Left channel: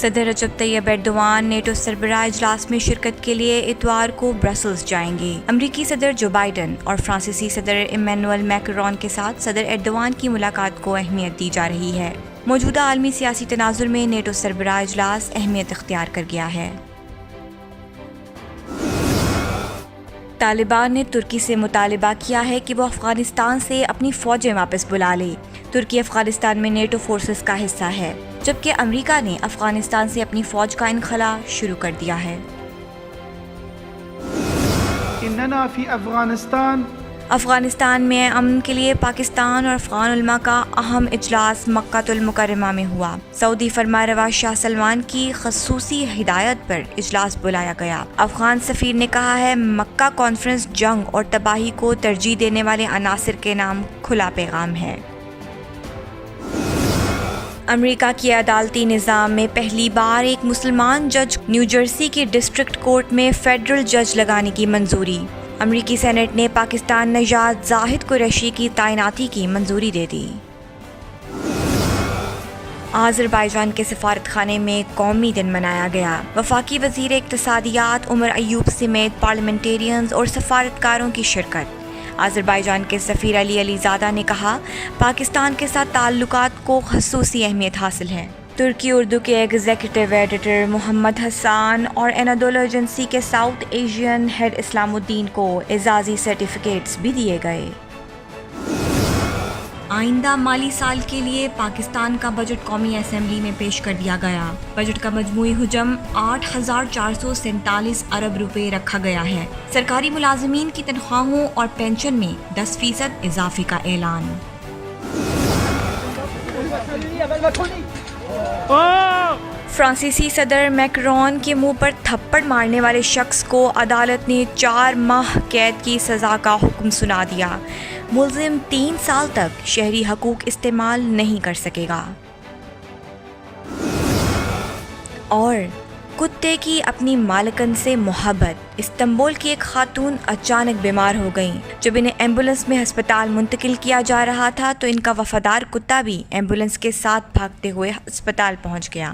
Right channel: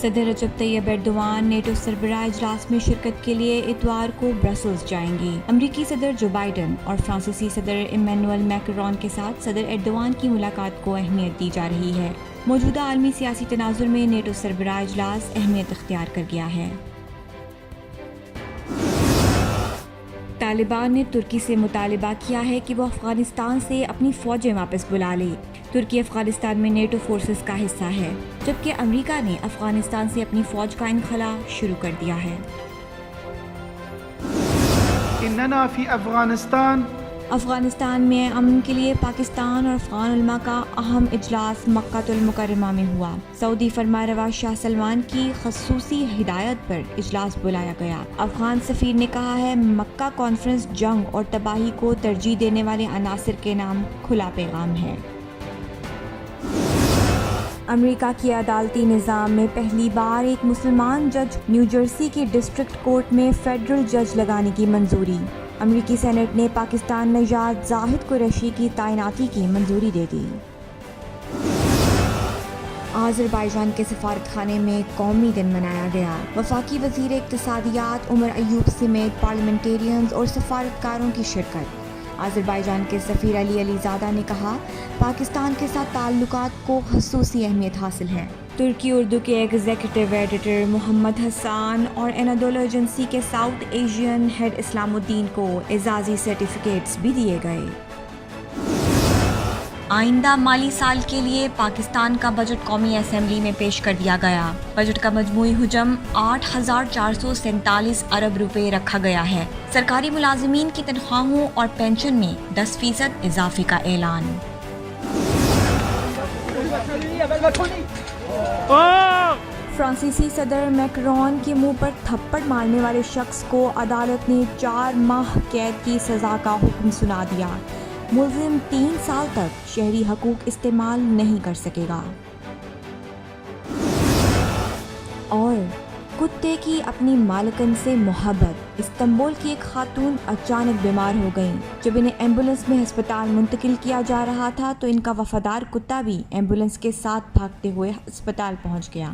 صدر رجب Tayyip Erdogan NATO سربراہ اجلاس میں شرکت کے لیے اتوار کو برسلز جائیں گے۔ امریکی صدر جو بائیڈن اور فرانسیسی صدر ایمینوئل میکرون کے ساتھ صدر ایردوان کی ملاقات کو اہمیت دی جا رہی ہے۔ موجودہ عالمی سیاسی تناظر میں نیٹو سربراہ اجلاس اہمیت اختیار کر گیا ہے۔ طالبان نے ترکی سے مطالبہ کیا ہے کہ وہ افغانستان سے اپنی فوجیں واپس بلا لے۔ ترکی افغانستان میں نیٹو فورسز کا حصہ ہے، جبکہ امریکہ نے افغانستان سے اپنی فوج کا انخلا شروع کر دیا ہے۔ اننا فی افغانستان میں امن کے لیے پاکستان اور افغان علماء کا اہم اجلاس مکہ المکرمہ میں ہوا۔ سعودی فرمانروا شاہ سلمان کی خصوصی ہدایت پر اجلاس بلایا گیا۔ افغان سفیر نے کہا ہے مکہ کانفرنس جنگ اور تباہی کو ترجیح دینے والے عناصر کے نام کھلا پیغام ہے۔ امریکہ کے عدالتی نظام میں پہلی بار ایک مسلمان جج نیو جرسی کی ڈسٹرکٹ کورٹ میں فیڈرل جج لگانے کی منظوری۔ امریکی سینیٹ نے پاکستان نژاد زاہد قریشی کی تعیناتی کی منظوری دے دی۔ آذربائیجان کے سفارت خانے میں قومی دن منایا گیا۔ وفاقی وزیر اقتصادیات عمر ایوب سمیت پارلیمنٹیرینز اور سفارتکاروں کی شرکت۔ آذربائیجان کے سفیر علی زادہ نے کہا پاکستان کے ساتھ تعلقات کو خصوصی اہمیت حاصل ہے۔ ترکی اردو کے ایگزیکٹو ایڈیٹر محمد حسان اور انادولو ایجنسی کے ساؤتھ ایشین ہیڈ اسلام الدین کو اعزازی سرٹیفکیٹس بھی دیے گئے۔ آئندہ مالی سال کے لیے پاکستان کا بجٹ قومی اسمبلی میں پیش کر دیا گیا۔ بجٹ کا مجموعی حجم 8,447 ارب روپے رکھا گیا ہے۔ سرکاری ملازمین کی تنخواہوں اور پینشن میں 10% اضافے کا اعلان۔ فرانسیسی صدر میکرون کے منہ پر تھپڑ مارنے والے شخص کو عدالت نے 4 ماہ قید کی سزا کا حکم سنا دیا۔ ملزم 3 سال تک شہری حقوق استعمال نہیں کر سکے گا۔ اور کتے کی اپنی مالکن سے محبت۔ استنبول کی ایک خاتون اچانک بیمار ہو گئیں۔ جب انہیں ایمبولنس میں ہسپتال منتقل کیا جا رہا تھا تو ان کا وفادار کتا بھی ایمبولنس کے ساتھ بھاگتے ہوئے ہسپتال پہنچ گیا۔